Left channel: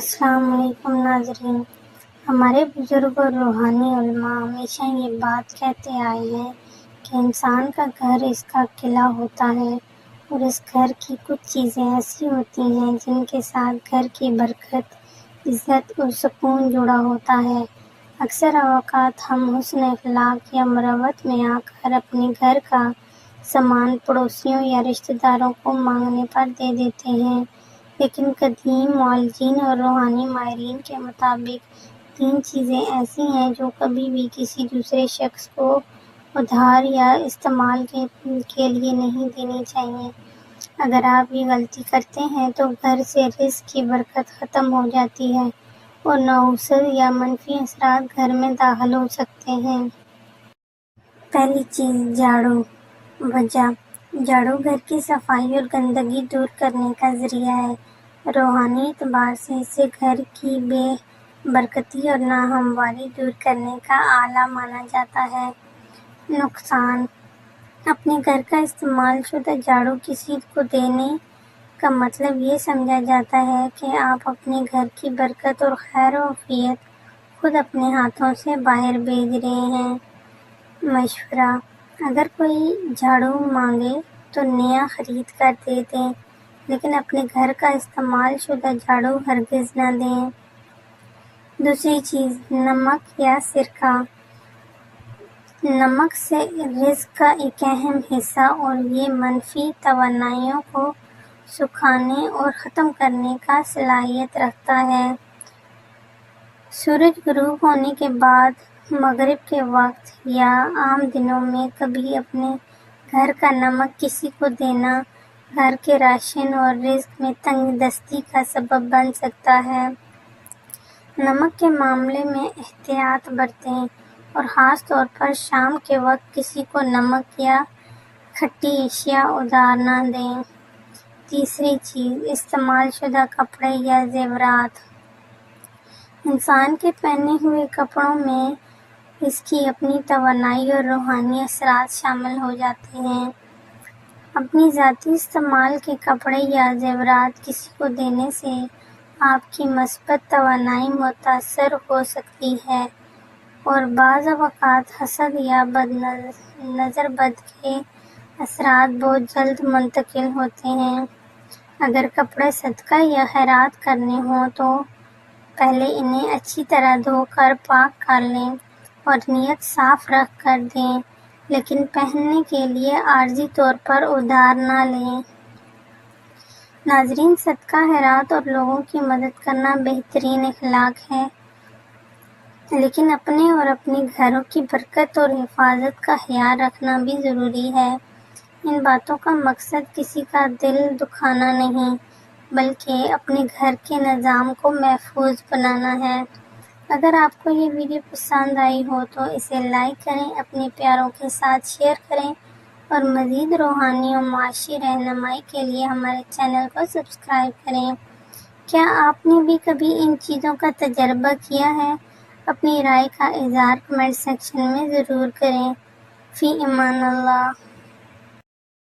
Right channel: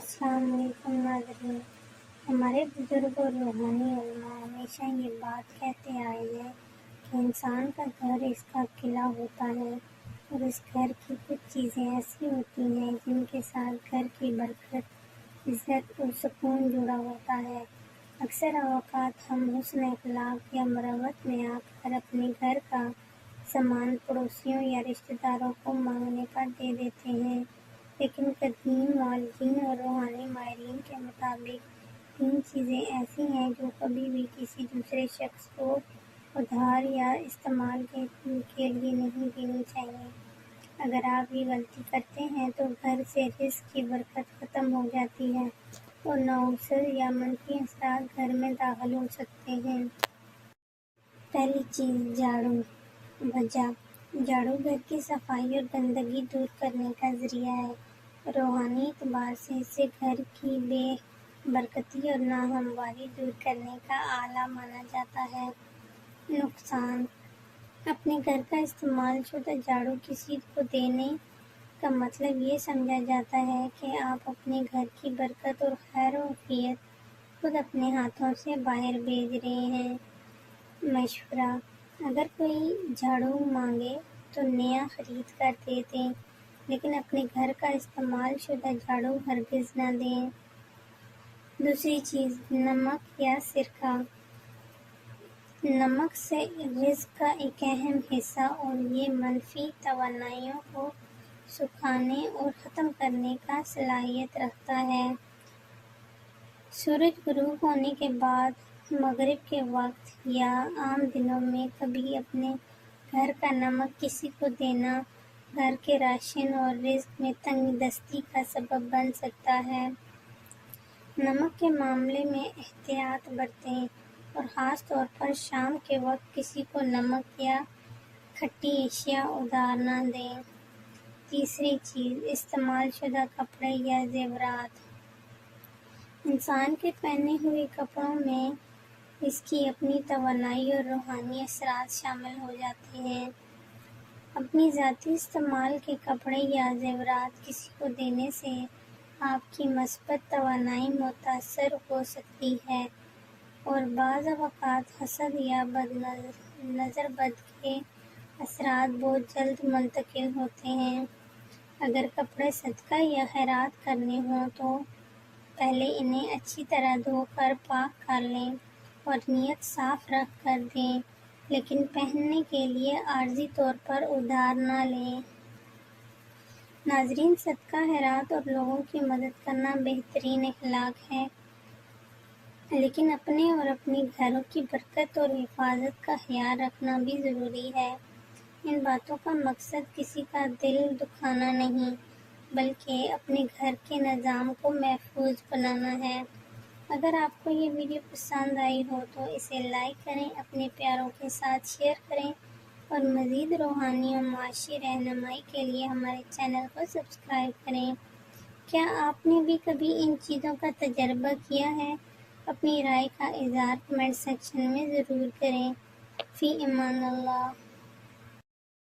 السلام علیکم ناظرین۔ ہمارے بزرگ اور روحانی علماء ہمیشہ یہ بات کہتے آئے ہیں کہ انسان کا گھر اس کا قلعہ ہوتا ہے اور اس گھر کی کچھ چیزیں ایسی ہوتی ہیں جن کے ساتھ گھر کی برکت، عزت اور سکون جڑا ہوتا ہے۔ اکثر اوقات ہم حسن اخلاق یا مروت میں آ کر اپنے گھر کا سامان پڑوسیوں یا رشتہ داروں کو مانگنے پر دے دیتے ہیں، لیکن قدیم معالجین اور روحانی ماہرین کے مطابق 3 چیزیں ایسی ہیں جو کبھی بھی کسی دوسرے شخص کو ادھار یا استعمال کے لیے نہیں دینی چاہیے۔ اگر آپ یہ غلطی کرتے ہیں تو گھر سے رزق کی برکت ختم ہو جاتی ہے اور نحوست یا منفی اثرات گھر میں داخل ہو سکتے ہیں۔ پہلی چیز، جھاڑو۔ وجہ: جھاڑو گھر کی صفائی اور گندگی دور کرنے کا ذریعہ ہے۔ روحانی اعتبار سے اسے گھر کی بے برکتی اور ناہمواری دور کرنے کا آلہ مانا جاتا ہے۔ نقصان: اپنے گھر کا استعمال شدہ جھاڑو کسی کو دینے کا مطلب یہ سمجھا جاتا ہے کہ آپ اپنے گھر کی برکت اور خیر و عافیت خود اپنے ہاتھوں سے باہر بھیج رہے ہیں۔ مشورہ: اگر کوئی جھاڑو مانگے تو نیا خرید کر دے دیں، لیکن اپنے گھر کا استعمال شدہ جھاڑو ہرگز نہ دیں۔ دوسری چیز، نمک یا سرکہ۔ نمک سے رزق کا ایک اہم حصہ اور یہ منفی توانائیوں کو سکھانے اور ختم کرنے کا صلاحیت رکھتا ہے۔ سورج غروب ہونے کے بعد مغرب کے وقت یا عام دنوں میں کبھی اپنے گھر کا نمک کسی کو دینا گھر کے راشن اور رزق میں تنگ دستی کا سبب بن سکتا ہے۔ نمک کے معاملے میں احتیاط برتیں اور خاص طور پر شام کے وقت کسی کو نمک یا کھٹی اشیاء ادھار نہ دیں۔ تیسری چیز، استعمال شدہ کپڑے یا زیورات۔ انسان کے پہنے ہوئے کپڑوں میں اس کی اپنی توانائی اور روحانی اثرات شامل ہو جاتے ہیں۔ اپنی ذاتی استعمال کے کپڑے یا زیورات کسی کو دینے سے آپ کی مثبت توانائی متاثر ہو سکتی ہے اور بعض اوقات حسد یا نظر بد کے اثرات بہت جلد منتقل ہوتے ہیں۔ اگر کپڑے صدقہ یا خیرات کرنے ہوں تو پہلے انہیں اچھی طرح دھو کر پاک کر لیں اور نیت صاف رکھ کر دیں، لیکن پہننے کے لیے عارضی طور پر ادھار نہ لیں۔ ناظرین، صدقہ خیرات اور لوگوں کی مدد کرنا بہترین اخلاق ہے، لیکن اپنے اور اپنے گھروں کی برکت اور حفاظت کا خیال رکھنا بھی ضروری ہے۔ ان باتوں کا مقصد کسی کا دل دکھانا نہیں، بلکہ اپنے گھر کے نظام کو محفوظ بنانا ہے۔ اگر آپ کو یہ ویڈیو پسند آئی ہو تو اسے لائک کریں، اپنے پیاروں کے ساتھ شیئر کریں اور مزید روحانی اور معاشی رہنمائی کے لیے ہمارے چینل کو سبسکرائب کریں۔ کیا آپ نے بھی کبھی ان چیزوں کا تجربہ کیا ہے؟ اپنی رائے کا اظہار کمنٹ سیکشن میں ضرور کریں۔ فی امان اللہ۔